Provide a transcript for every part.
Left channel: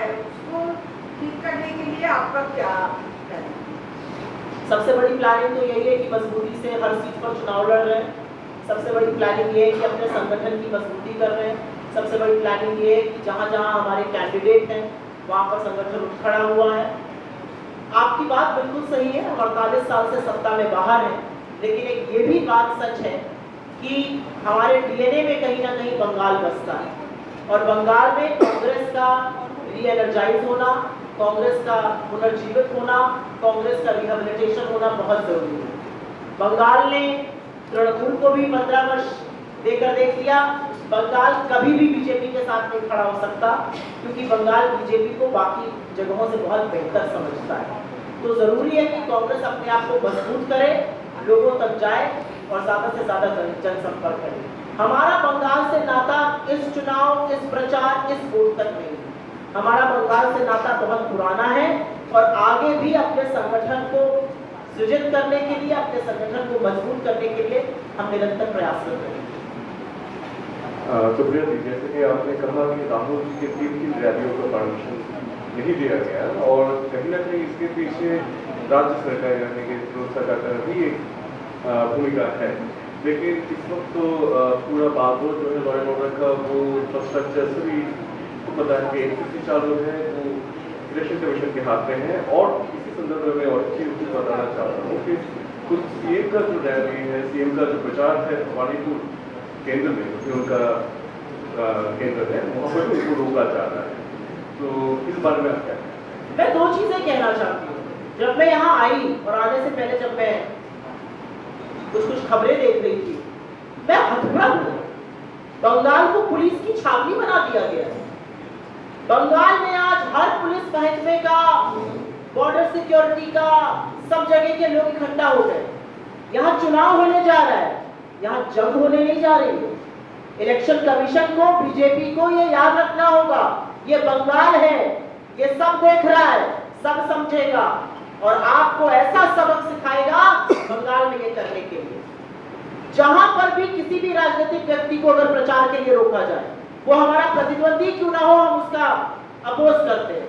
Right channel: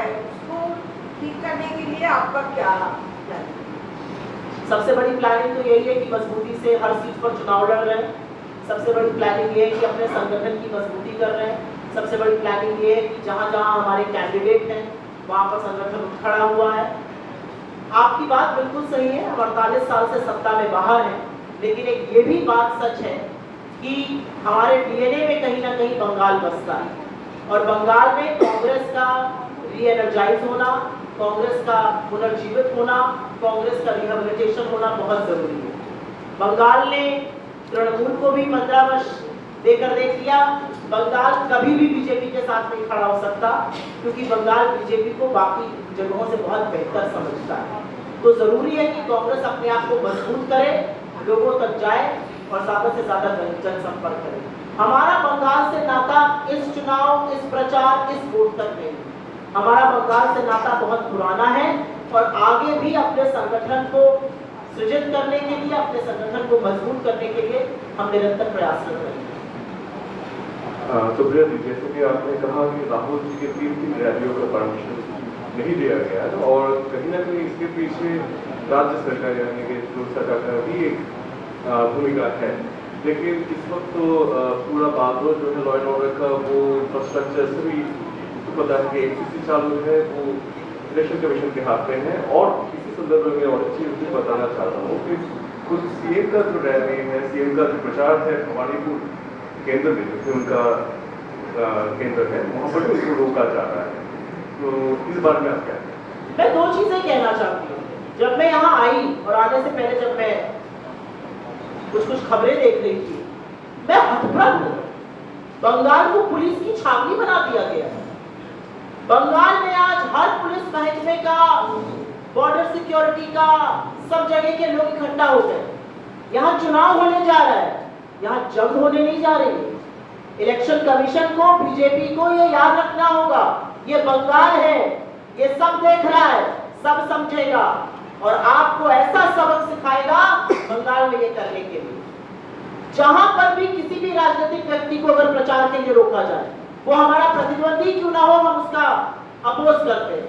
है उसको ठीक करने के लिए आपका क्या प्लान है? सबसे बड़ी प्लानिंग तो यही है कि मजबूती से हर सीट पर चुनाव लड़ रहे हैं। सबसे बड़ी प्लानिंग ये है कि अपने संगठन की मजबूती कर रहे हैं। सबसे बड़ी प्लानिंग ये है कि जहाँ जहाँ हमारे कैंडिडेट हैं वहाँ पर संगठन उठ खड़ा हुआ है। आपकी बात बिल्कुल सही है, हम 48 साल से सत्ता में बाहर हैं, लेकिन एक ये भी बात सच है कि हमारे डीएनए में कहीं ना कहीं बंगाल बसता है और बंगाल में कांग्रेस का रीएनर्जाइज होना, कांग्रेस का पुनर्जीवित होना, कांग्रेस का रिहेबिलिटेशन होना बहुत जरूरी है। बंगाल ने तृणमूल को भी 15 वर्ष देकर देख लिया। बंगाल कभी भी बीजेपी के साथ नहीं खड़ा हो सकता क्योंकि बंगाल बीजेपी को बाकी जगहों से बहुत बेहतर समझता है। तो जरूरी है कि कांग्रेस अपने आप को मजबूत करे, लोगों तक जाए और ज्यादा से ज्यादा जनसंपर्क करे। हमारा बंगाल से नाता इस चुनाव, इस प्रचार, इस वोट तक नहीं है। हमारा बंगाल से नाता बहुत पुराना है और आगे भी अपने संगठन को सृजित करने के लिए, अपने संगठन को मजबूत करने के लिए हम निरंतर प्रयासरत रहेंगे। तो प्रिया जी, जैसे कि आपने कहा कि राहुल जी के 3 रैलियों का परमिशन नहीं दिया गया और कहीं ना कहीं इसके पीछे राज्य सरकार यानी कि सरकार का भी एक भूमिका है। लेकिन इस वक्त तो पूरा बागडोर जो है लॉ एंड ऑर्डर का वो इंफ्रास्ट्रक्चर से भी तो पता है कि एक चीज चालू है वो इलेक्शन कमीशन के हाथ में है। और इसी संदर्भ में और एक चीज भी बताना चाहता हूँ कि कुछ सीएम का जो रैली है, सीएम का जो प्रचार है भवानीपुर केंद्र में, जो कि उनका केंद्र है, वहाँ पर भी उनको रोका जा रहा है। तो इस बारे में आप क्या कहें? मैं 2 चीजें कहना चाहती हूँ। जब मैं यहाँ आई और आने से पहले जब मैं कुछ खबरें देख रही थी, मैं हतप्रभ हूँ। बंगाल को पुलिस की छावनी बना दिया गया है। बंगाल में आज हर पुलिस महकमे का, बॉर्डर सिक्योरिटी का, सब जगह के लोग इकट्ठा हो गए। यहाँ चुनाव होने जा रहा है, यहाँ जंग होने नहीं जा रही है। इलेक्शन कमीशन को, बीजेपी को ये याद रखना होगा, ये बंगाल है, ये सब देख रहा है, सब समझेगा और आपको ऐसा सबक सिखाएगा बंगाल में ये करने के लिए। जहां पर भी किसी भी राजनीतिक व्यक्ति को अगर प्रचार के लिए रोका जाए, वो हमारा प्रतिद्वंदी क्यों ना हो, हम उसका अपोज करते हैं,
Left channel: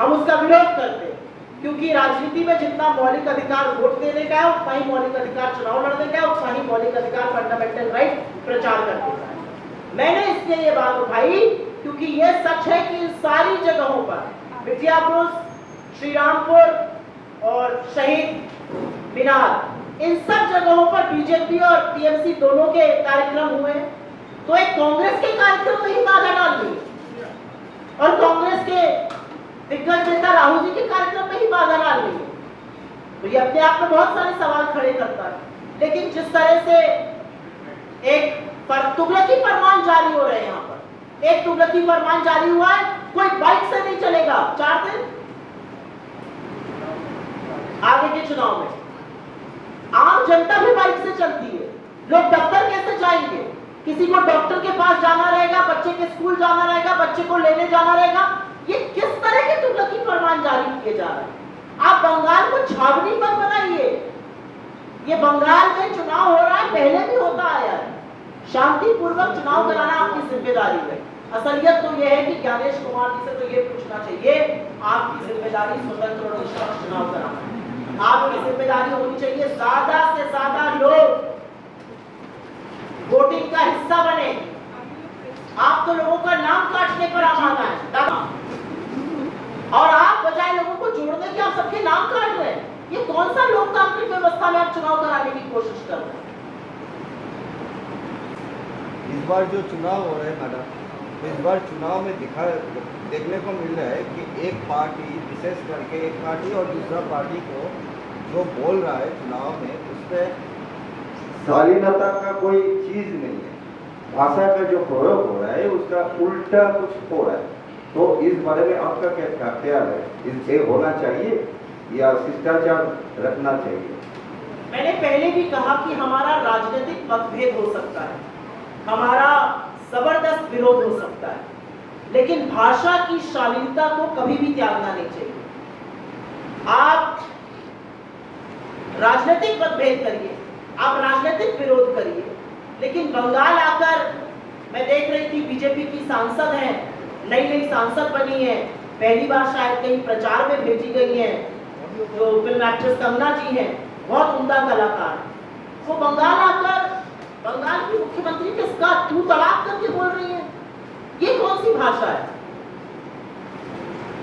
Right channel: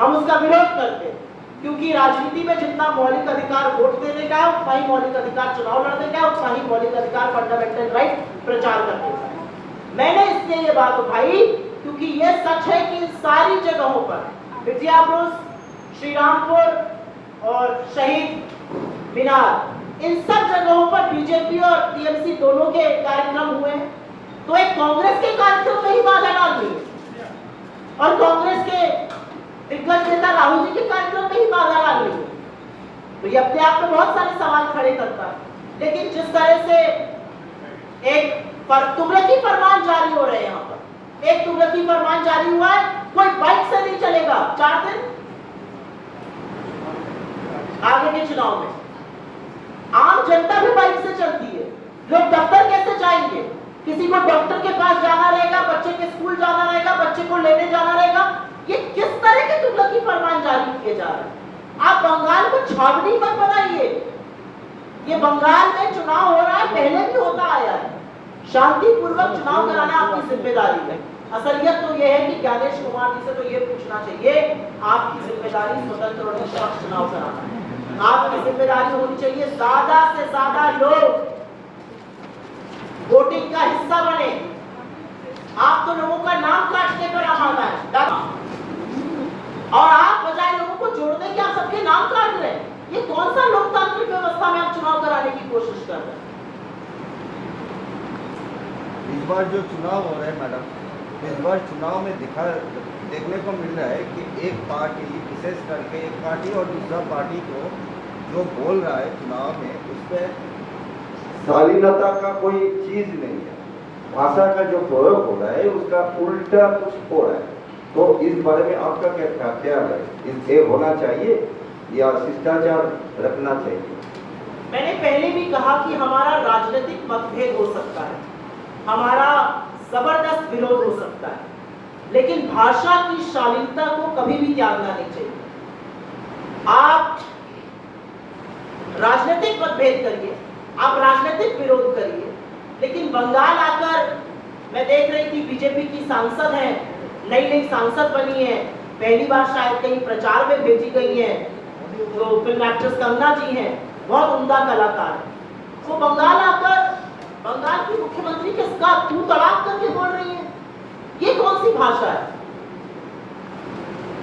हम उसका विरोध करते हैं। क्योंकि राजनीति में जितना मौलिक अधिकार वोट देने का है, उतना ही मौलिक अधिकार चुनाव लड़ने का है, उतना ही मौलिक अधिकार फंडामेंटल राइट प्रचार करने का है। मैंने इसलिए ये बात उठाई क्योंकि ये सच है कि सारी जगहों पर, विजयापुर, श्रीरामपुर और शहीद मीनार, इन सब जगहों पर बीजेपी और टीएमसी दोनों के कार्यक्रम हुए। तो एक कांग्रेस के कार्यक्रम में ही बाधा डाल दी और कांग्रेस के दिग्गज नेता राहुल जी के कार्यक्रम में ही बाधा डाल दी। तो ये अपने आप में बहुत सारे सवाल खड़े करता है। लेकिन जिस तरह से एक तुगलकी फरमान जारी हो रहे हैं, यहाँ पर एक तुगलकी फरमान जारी हुआ है, कोई बाइक से नहीं चलेगा 4 दिन आगे के चुनाव में। आम जनता भी बाइक से चलती है, लोग दफ्तर कैसे जाएंगे? किसी को डॉक्टर के पास जाना रहेगा, बच्चे के स्कूल जाना रहेगा, बच्चे को लेने जाना रहेगा। ये किस तरह के तुगलकी फरमान जारी किए जा रहे हैं? आप बंगाल को छावनी मत बनाइए। ये बंगाल में चुनाव हो रहा है, पहले भी होता आया है। शांतिपूर्वक चुनाव कराना आपकी जिम्मेदारी है। असलियत तो यह है कि ज्ञानेश कुमार जी से तो ये पूछना चाहिए, आपकी जिम्मेदारी स्वतंत्र और निष्पक्ष चुनाव कराना है। आपकी जिम्मेदारी होनी चाहिए ज्यादा से ज्यादा लोग वोटिंग का हिस्सा बने। आप तो लोगों का नाम काटने पर आमादा है और आप बजाय लोगों को जोड़ने के आप सबके नाम काट रहे हैं। ये कौन सा लोकतांत्रिक व्यवस्था में आप चुनाव कराने की कोशिश कर रहे हैं? इस बार जो चुनाव हो रहा है मैडम, इस बार चुनाव में देखने को मिल रहा है कि एक पार्टी, विशेष करके एक पार्टी और दूसरा पार्टी को जो बोल रहा है चुनाव में, उस पर शालीनता का कोई चीज नहीं है। भाषा का जो प्रयोग हो रहा है उसका उल्टा कुछ हो रहा है। तो इस बारे में आपका क्या ख्याल है? इसे होना चाहिए या शिष्टाचार रखना चाहिए? मैंने पहले भी कहा कि हमारा राजनीतिक मतभेद हो सकता है, हमारा जबरदस्त विरोध हो सकता है, लेकिन भाषा की शालीनता को कभी भी त्यागना नहीं चाहिए। आप राजनीतिक मतभेद करिए, आप राजनीतिक विरोध करिए, लेकिन बंगाल आकर मैं देख रही थी बीजेपी की सांसद हैं, नई नई सांसद बनी है, पहली बार शायद कहीं प्रचार में भेजी गई है, जो फिल्म एक्ट्रेस कंगना जी हैं, बहुत उम्दा कलाकार है। वो बंगाल आकर बंगाल की मुख्यमंत्री के साथ तू तड़ाक करके बोल रही है, ये कौन सी भाषा है?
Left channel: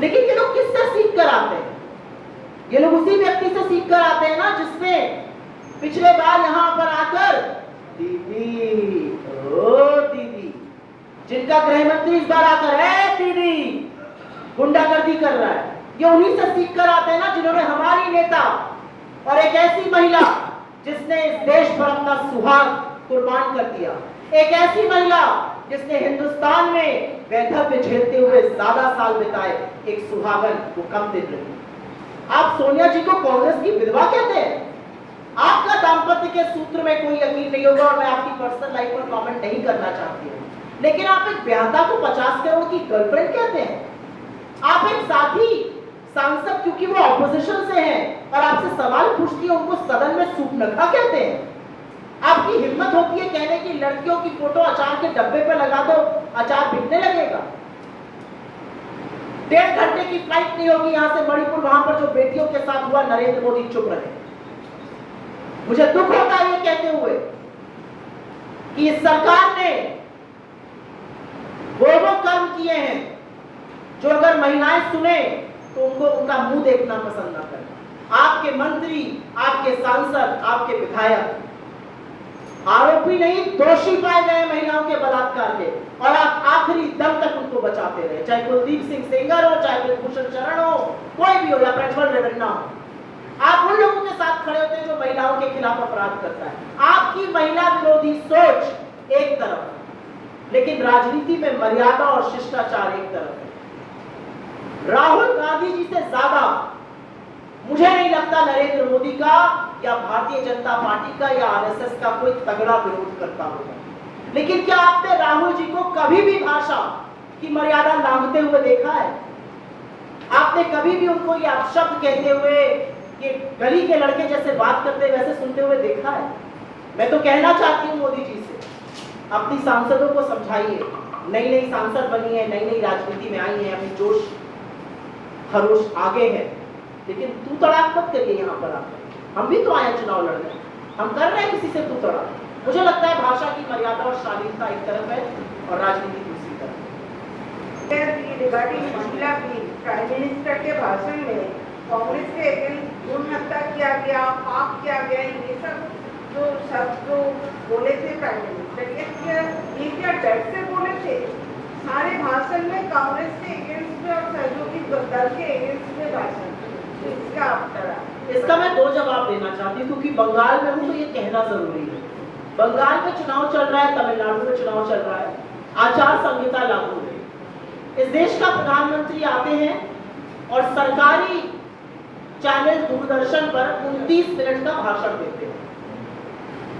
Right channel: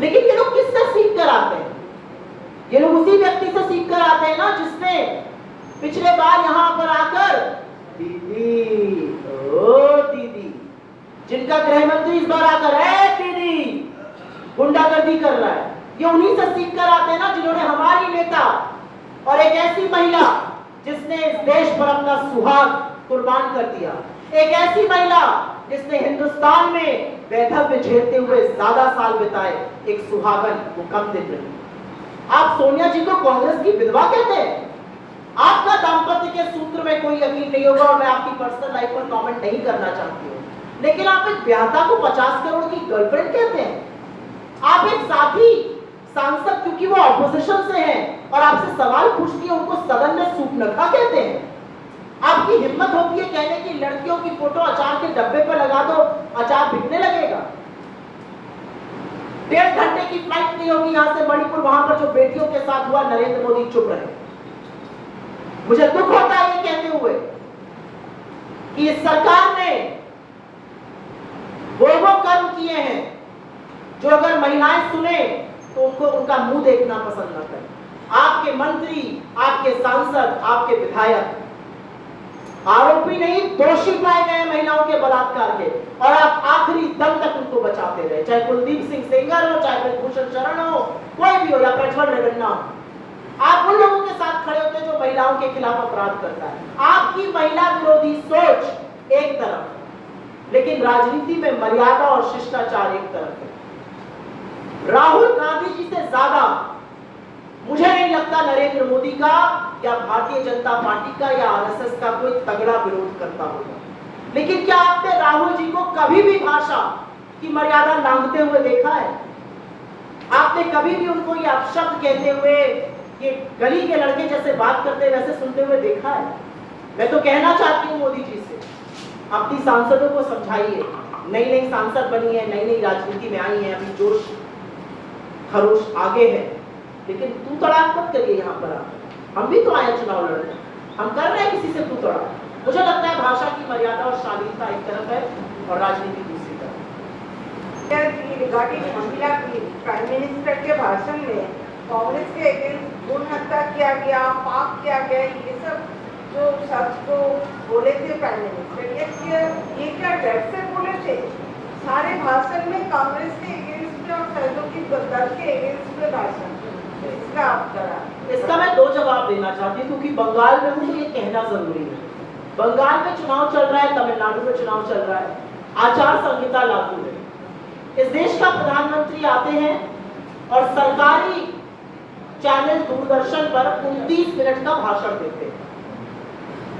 लेकिन ये लोग किससे सीख कर आते हैं? ये लोग उसी व्यक्ति से सीख कर आते हैं ना जिसने पिछले बार यहां पर आकर दीदी, ओ दीदी, जिनका गृह मंत्री इस बार आकर है दीदी गुंडागर्दी कर रहा है, ये उन्हीं से सीख कर आते हैं ना जिन्होंने हमारी नेता और एक ऐसी महिला जिसने इस देश पर अपना सुहाग कुर्बान कर दिया, एक ऐसी महिला जिसने हिंदुस्तान में वैधव्य झेलते हुए ज्यादा साल बिताए, एक सुहागन, वो कम दिन रही। आप सोनिया जी को कांग्रेस की विधवा कहते हैं? आपका दाम्पत्य के सूत्र में कोई यकीन नहीं होगा और मैं आपकी पर्सनल लाइफ पर कमेंट नहीं करना चाहती हूँ, लेकिन आप एक ब्याहता को 50 करोड़ की गर्लफ्रेंड कहते हैं। आप एक साथी सांसद, क्योंकि वो ऑपोजिशन से हैं और आपसे सवाल पूछती है, उनको सदन में सूपनखा कहते हैं। आपकी हिम्मत होती है कहने की लड़कियों की फोटो अचार के डब्बे पर लगा दो, अचार बिकने लगेगा। 1.5 घंटे की फ्लाइट नहीं होगी यहां से मणिपुर, वहां पर जो बेटियों के साथ हुआ, नरेंद्र मोदी चुप रहे। मुझे दुख होता है ये कहते हुए कि इस सरकार ने वो कर्म किए हैं जो अगर महिलाएं सुने तो उनको उनका मुंह देखना पसंद न करें। आपके मंत्री, आपके सांसद, आपके विधायक आरोपी नहीं, दोषी पाए गए महिलाओं के बलात्कार के, और आप आखिरी दम तक उनको बचाते रहे, चाहे कुलदीप सिंह सेंगर हो, चाहे ब्रजभूषण शरण हो, कोई भी हो, या प्रज्वल रेवन्ना हो। आप उन लोगों के साथ खड़े होते हैं जो महिलाओं के खिलाफ अपराध करता है। आपकी महिला विरोधी सोच एक तरफ, लेकिन राजनीति में मर्यादा और शिष्टाचार एक तरफ है। राहुल गांधी जी से ज्यादा मुझे नहीं लगता नरेंद्र मोदी का या भारतीय जनता पार्टी का या आरएसएस का कोई तगड़ा विरोध करता होगा, लेकिन क्या आपने राहुल जी को कभी भी भाषा की मर्यादा लांघते हुए देखा है? आपने कभी भी उनको ये अपशब्द कहते हुए, ये गली के लड़के जैसे बात करते वैसे सुनते हुए देखा है? मैं तो कहना चाहती हूँ मोदी जी से, अपनी सांसदों को समझाइए। नई नई सांसद बनी है, नई नई राजनीति में आई है, अभी जोश खरोश आगे है, लेकिन तू तड़ाक मत करिए। यहाँ पर आकर हम भी तो आए चुनाव लड़ने, हम कर रहे हैं किसी से तू तड़ाक। मुझे लगता है भाषा की मर्यादा और शालीनता एक तरफ है और राजनीति दूसरी तरफ। रिगार्डिंग महिला की प्राइम मिनिस्टर के भाषण में कांग्रेस के अगेंस्ट भ्रूण हत्या किया गया, पाप किया गया, ये सब जो शब्द जो बोले थे प्राइम मिनिस्टर, ये क्या डर से बोले थे? सारे भाषण में कांग्रेस के अगेंस्ट में और सहयोगी दल के अगेंस्ट में भाषण, इसका आप करा। इसका मैं 2 जवाब देना चाहती हूँ, क्योंकि बंगाल में हूँ तो ये कहना जरूरी है। बंगाल में चुनाव चल रहा है, तमिलनाडु में चुनाव चल रहा है, आचार संहिता लागू है। इस देश का प्रधानमंत्री आते हैं और सरकारी चैनल दूरदर्शन पर 29 मिनट का भाषण देते हैं।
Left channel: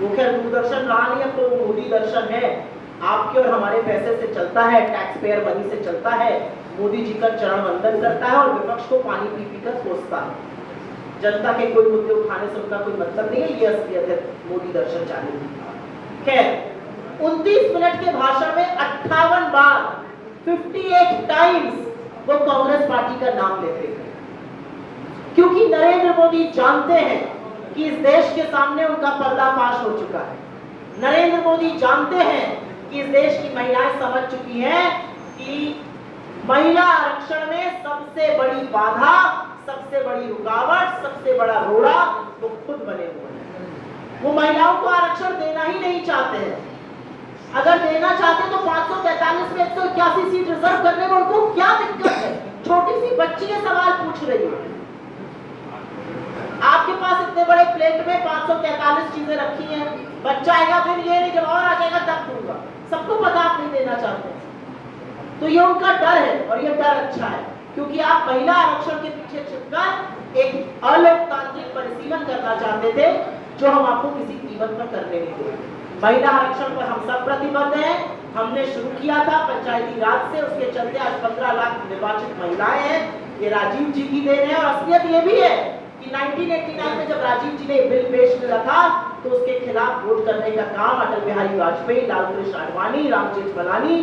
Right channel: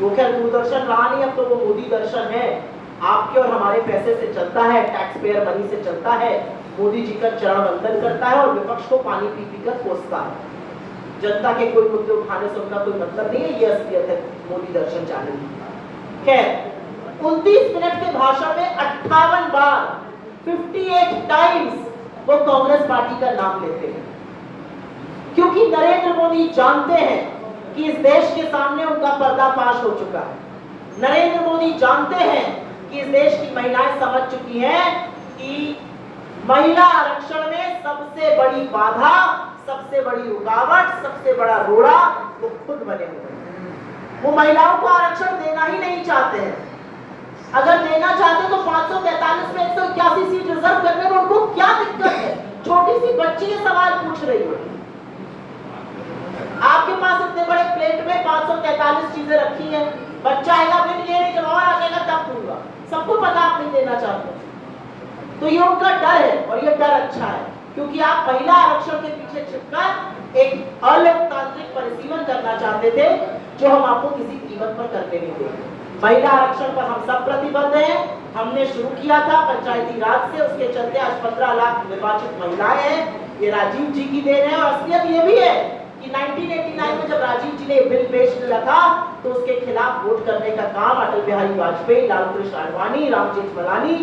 वो खैर दूरदर्शन रहा नहीं, अब तो वो मोदी दर्शन है, आपके और हमारे पैसे से चलता है, टैक्स पेयर मनी से चलता है। मोदी जी का चरण वंदन करता है और विपक्ष को पानी पी पी कर कोसता है। जनता के कोई मुद्दे उठाने से उनका कोई मतलब नहीं है, ये असलियत है मोदी दर्शन चैनल की। खैर 29 मिनट के भाषण में 58 बार 58 टाइम्स वो कांग्रेस पार्टी का नाम लेते हैं, क्योंकि नरेंद्र मोदी जानते हैं कि इस देश के सामने उनका पर्दाफाश हो चुका है। नरेंद्र मोदी जानते हैं कि इस देश की महिलाएं समझ चुकी हैं कि महिला आरक्षण में सबसे बड़ी बाधा, सबसे बड़ी रुकावट, सबसे बड़ा रोड़ा वो खुद बने हुए हैं। वो महिलाओं को आरक्षण देना ही नहीं चाहते हैं। अगर देना चाहते तो 543 में 181 सीट रिजर्व करने में उनको क्या दिक्कत है? छोटी सी बच्ची ये सवाल पूछ रही है। आपके पास इतने बड़े प्लेट में 543 चीजें रखी हैं, बच्चा आएगा फिर ये नहीं, जब और आ जाएगा तब दूंगा। सबको पता आप नहीं देना चाहते, तो ये उनका डर है और ये डर अच्छा है, क्योंकि आप महिला आरक्षण के पीछे छिपकर एक अलोकतांत्रिक परिसीमन करना चाहते थे, जो हम आपको किसी कीमत पर करने नहीं देंगे। महिला आरक्षण पर हम सब प्रतिबद्ध हैं। हमने शुरू किया था पंचायती राज से, उसके चलते आज 15 लाख निर्वाचित महिलाएं हैं। ये राजीव जी की देन है, और असलियत ये भी है कि 1989 में जब राजीव जी ने बिल पेश किया था तो उसके खिलाफ वोट करने का काम अटल बिहारी वाजपेयी, लाल कृष्ण आडवाणी, राम जेठमलानी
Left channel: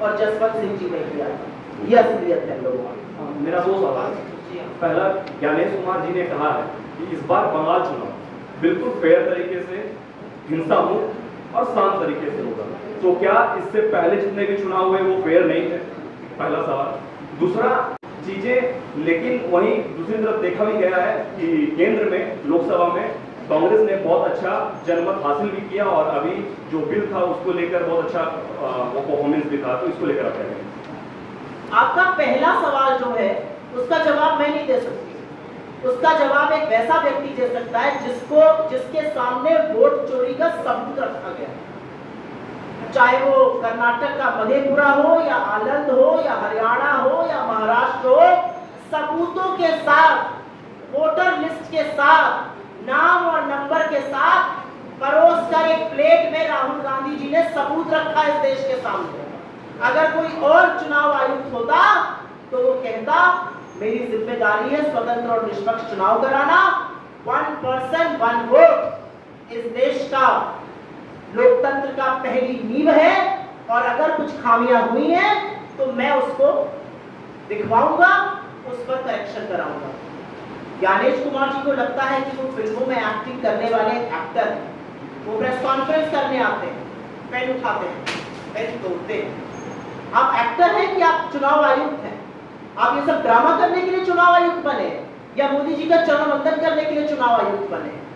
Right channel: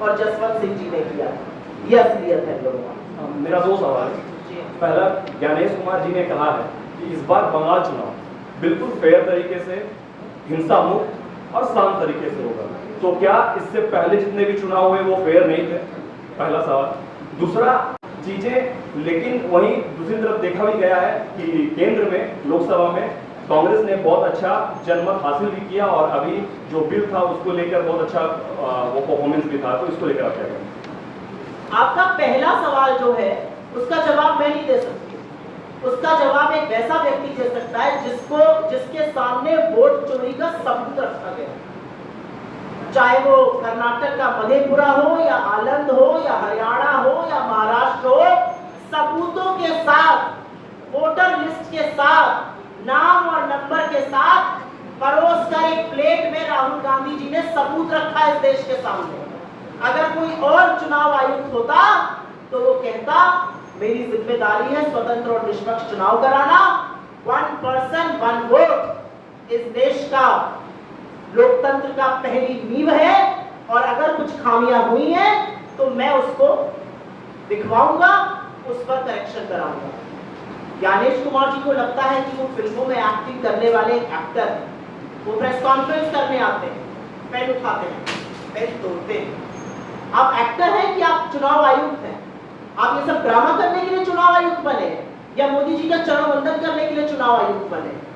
और जसवंत सिंह जी ने किया था। ये असलियत है लोगों में। मेरा दो सवाल है। पहला, ज्ञानेश कुमार जी ने कहा है कि इस बार बंगाल चुनाव बिल्कुल फेयर तरीके से, हिंसा मुक्त और शांत तरीके से होगा, तो क्या इससे पहले जितने भी चुनाव हुए वो फेयर नहीं थे? पहला सवाल। दूसरा चीजें, लेकिन वहीं दूसरी तरफ देखा भी गया है कि केंद्र में, लोकसभा में कांग्रेस ने बहुत अच्छा जनमत हासिल भी किया और अभी जो बिल था उसको लेकर बहुत अच्छा वो परफॉर्मेंस भी था, तो इसको लेकर आप क्या कहेंगे? आपका पहला सवाल जो है उसका जवाब मैं नहीं दे सकती। उसका जवाब एक वैसा व्यक्ति दे सकता है जिसके सामने वोट चोरी का सबूत रखा गया, चाहे वो कर्नाटक का मधेपुरा हो या आनंद हो या हरियाणा हो या महाराष्ट्र हो, सबूतों के साथ, वोटर लिस्ट के साथ, नाम और नंबर के साथ परोस कर एक प्लेट में राहुल गांधी जी ने सबूत रखा इस देश के सामने। अगर कोई और चुनाव आयुक्त होता तो वो कहता मेरी जिम्मेदारी है स्वतंत्र और निष्पक्ष चुनाव कराना, 1 पर्सन 1 वोट इस देश का लोकतंत्र का पहली नींव है, और अगर कुछ खामियां हुई हैं तो मैं उसको दिखवाऊंगा, उस पर करेक्शन कराऊंगा। ज्ञानेश कुमार जी को लगता है कि वो फिल्मों में एक्टिंग करने वाले एक एक्टर हैं, वो प्रेस कॉन्फ्रेंस करने आते हैं, पेन उठाते हैं, पेन तोड़ते हैं। आप एक्टर हैं कि आप चुनाव आयुक्त हैं? आप ये सब ड्रामा करने के लिए चुनाव आयुक्त बने हैं या मोदी जी का चरण वंदन करने के लिए चुनाव आयुक्त बने हैं?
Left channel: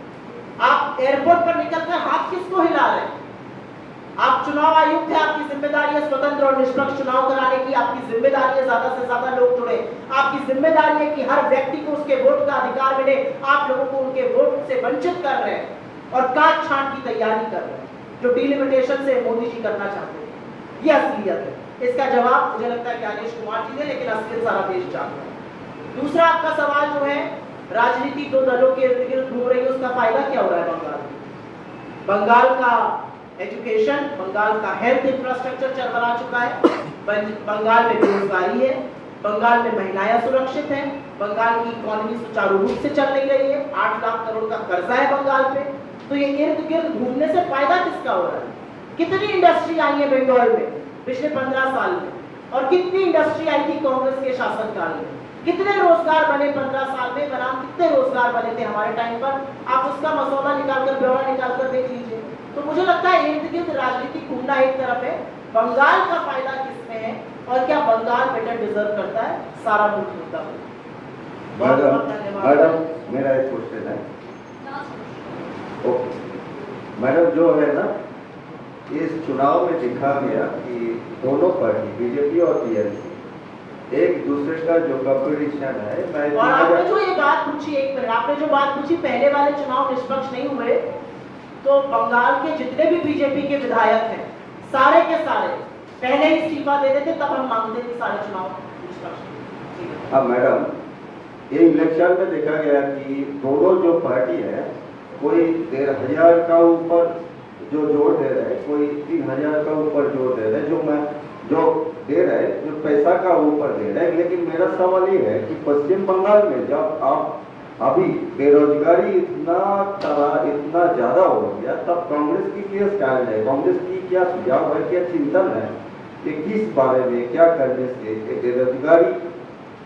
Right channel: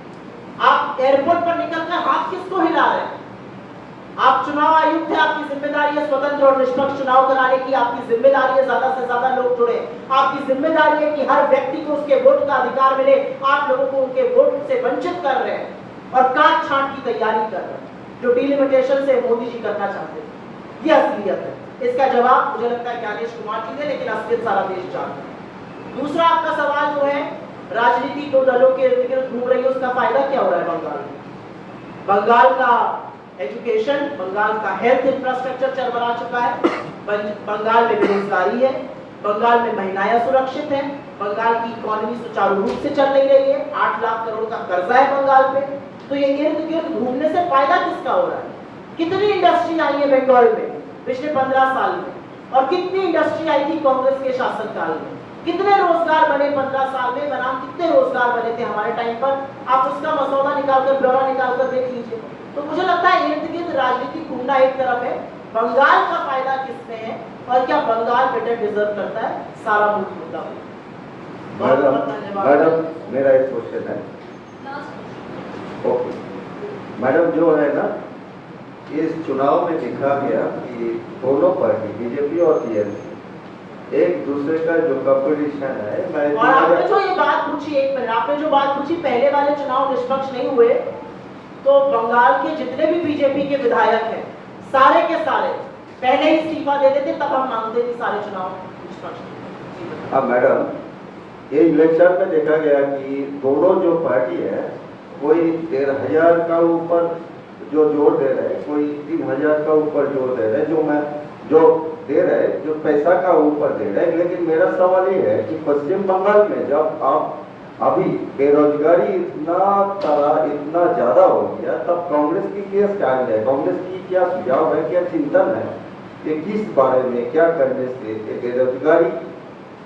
आप एयरपोर्ट पर निकलकर हाथ किसको हिला रहे हैं? आप चुनाव आयुक्त है, आपकी जिम्मेदारी है स्वतंत्र और निष्पक्ष चुनाव कराने की, आपकी जिम्मेदारी है ज्यादा से ज्यादा लोग जुड़े, आपकी जिम्मेदारी है कि हर व्यक्ति को उसके वोट का अधिकार मिले। आप लोगों को उनके वोट से वंचित कर रहे हैं और काट छांट की तैयारी कर रहे हैं, जो डिलिमिटेशन से मोदी जी करना चाहते हैं। ये असलियत है। इसका जवाब मुझे लगता है ज्ञानेश कुमार जी ने, लेकिन असलियत सारा देश जानता है। दूसरा आपका सवाल जो है, राजनीति दो दलों के इर्द गिर्द घूम रही है, उसका फायदा क्या हो रहा है बंगाल में? बंगाल का एजुकेशन, बंगाल का हेल्थ इंफ्रास्ट्रक्चर चरमरा चुका है, बंगाल में बेरोजगारी है, बंगाल में महिलाएं सुरक्षित हैं, बंगाल की इकोनॉमी सुचारू रूप से चल नहीं रही है, 8 लाख करोड़ का कर्जा है बंगाल पे। तो ये इर्द गिर्द घूमने से फायदा किसका हो रहा है? कितनी इंडस्ट्री आई है बंगाल में पिछले 15 साल में, और कितनी इंडस्ट्री आई थी कांग्रेस के शासनकाल में? कितने रोजगार बने 15 साल में? बनाम कितने रोजगार बने थे हमारे टाइम पर? आप उसका मसौदा निकालकर, ब्यौरा निकालकर देख लीजिए। तो मुझे लगता है इर्द गिर्द राजनीति घूमना एक तरफ है, बंगाल का फायदा किसमें है और क्या बंगाल बेटर डिजर्व करता है, सारा मुद्दा। मैडम मेरा एक क्वेश्चन है। ओके मैडम, जो है ना, इस चुनाव में दिखा गया कि दोनों पार्टी बीजेपी और टीएमसी एक दूसरे का जो कंपटीशन है, मैं और आपने जो ये बात पूछी, एक मिनट, आपने जो बात पूछी, पहले वाले चुनाव निष्पक्ष नहीं हुए, तो बंगाल के जितने भी बीजेपी के विधायक हैं, सारे के सारे पहले ही इस्तीफा दे देते, तब हम मांगते थे सारे चुनाव निष्पक्ष। हाँ मैडम, ये इलेक्शन में देखा गया कि दोनों जो पार्टी है, कोई 13,000 का ऊपर जो जोर दे रहे हैं, कोई 3,000 का ऊपर जोर दे रहे हैं, जो दे रहे हैं, जो पैसा का ऊपर दे रहे हैं। लेकिन मेरा सवाल ये है कि पश्चिम बंगाल में जब आप अभी बेरोजगारी इतना ज्यादा हो गया, तब कांग्रेस की क्या स्टैंड है, कांग्रेस की क्या सुझाव है, क्या चिंतन है कि किस बारे में, क्या करने से बेरोजगारी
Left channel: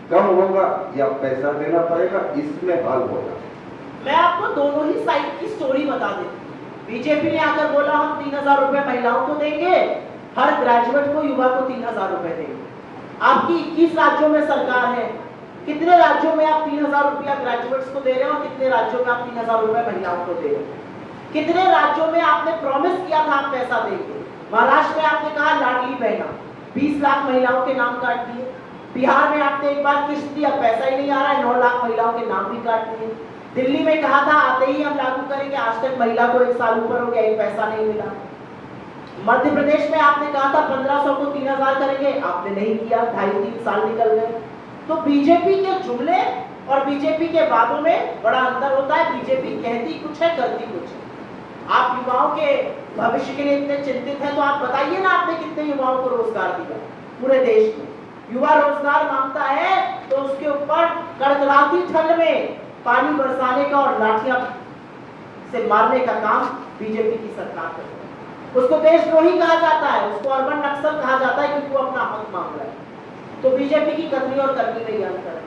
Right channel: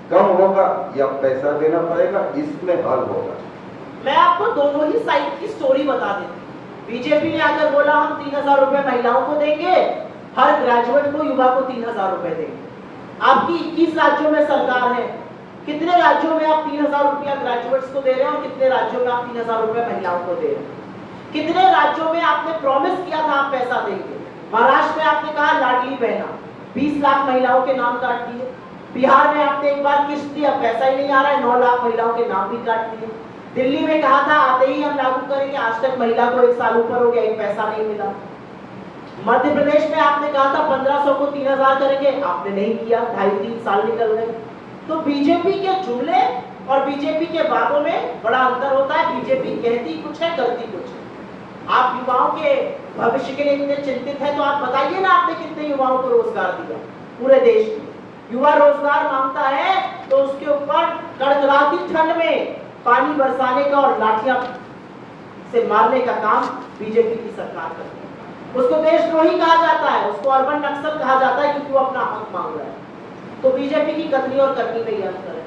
कम होगा या पैसा देना पड़ेगा, इसमें हल होगा? मैं आपको दोनों ही साइड की स्टोरी बता देती हूँ। बीजेपी ने आकर बोला हम 3,000 रुपए महिलाओं को देंगे, हर ग्रेजुएट को, युवा को 3,000 रुपए देंगे। आपकी 21 राज्यों में सरकार है, कितने राज्यों में आप 3,000 रुपया ग्रेजुएट्स को दे रहे हैं और कितने राज्यों में आप 3,000 रुपए महिलाओं को दे रहे हैं? कितने राज्यों में आपने प्रॉमिस किया था आप पैसा देंगे? महाराष्ट्र में आपने कहा लाडली बहना, 20 लाख महिलाओं के नाम काट दिए। बिहार में आपने एक बार किस्त दी, अब पैसा ही नहीं आ रहा है, 9 लाख महिलाओं के नाम भी काट दिए। दिल्ली में कहा था आते ही हम लागू करेंगे, आज तक महिला को 1 साल ऊपर हो गया, एक पैसा नहीं मिला। मध्य प्रदेश में आपने कहा था 1500 को 3,000 करेंगे, आपने नहीं किया, 2.5-3 साल निकल गए। तो बीजेपी के जुमले और बीजेपी के बातों में बड़ा अंतर होता है। बीजेपी कहती कुछ है, करती कुछ है। आप युवाओं के भविष्य के लिए इतने चिंतित हैं, तो आप बताइए ना, आपने कितने युवाओं को रोजगार दिया पूरे देश में? युवा रोजगार मांगता है तो उसके ऊपर कड़कड़ाती ठंड में पानी बरसाने का और लाठियां से मारने का काम बीजेपी की सरकार करती है। उसको देशद्रोही कहा जाता है, उसको अर्बन नक्सल कहा जाता है, क्योंकि वो अपना हक मांग रहा है। तो बीजेपी की करनी और करनी में ही अंतर है।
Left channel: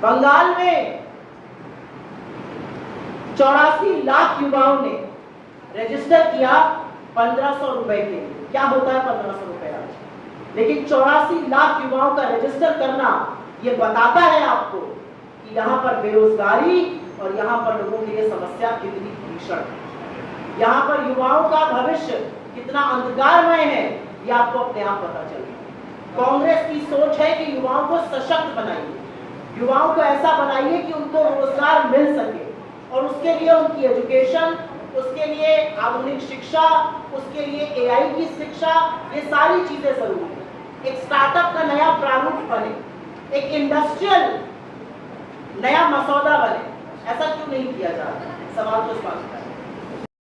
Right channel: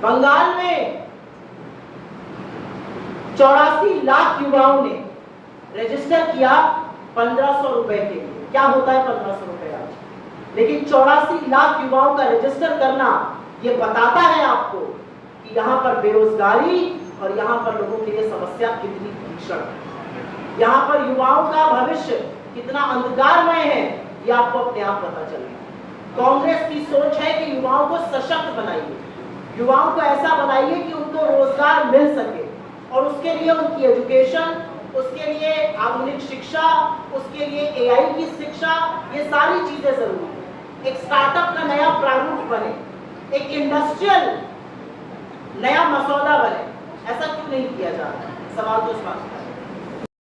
बंगाल में 84 लाख युवाओं ने रजिस्टर किया 1500 रुपए के लिए। क्या होता है 1500 रुपए आज? लेकिन 84 लाख युवाओं का रजिस्टर करना ये बताता है आपको कि यहाँ पर बेरोजगारी और यहाँ पर लोगों के लिए समस्या कितनी भीषण है, यहाँ पर युवाओं का भविष्य कितना अंधकारमय है, ये आपको अपने आप पता चलेगा। कांग्रेस की सोच है कि युवाओं को सशक्त बनाइए, युवाओं को ऐसा बनाइए कि उनको रोजगार मिल सके, और उसके लिए उनकी एजुकेशन, उसके लिए आधुनिक शिक्षा, उसके लिए एआई की शिक्षा, ये सारी चीजें जरूरी है। एक स्टार्टअप का नया प्रारूप बने, एक इंडस्ट्रियल नया मसौदा बने, ऐसा क्यों नहीं किया जा रहा? सवाल तो स्पष्ट है।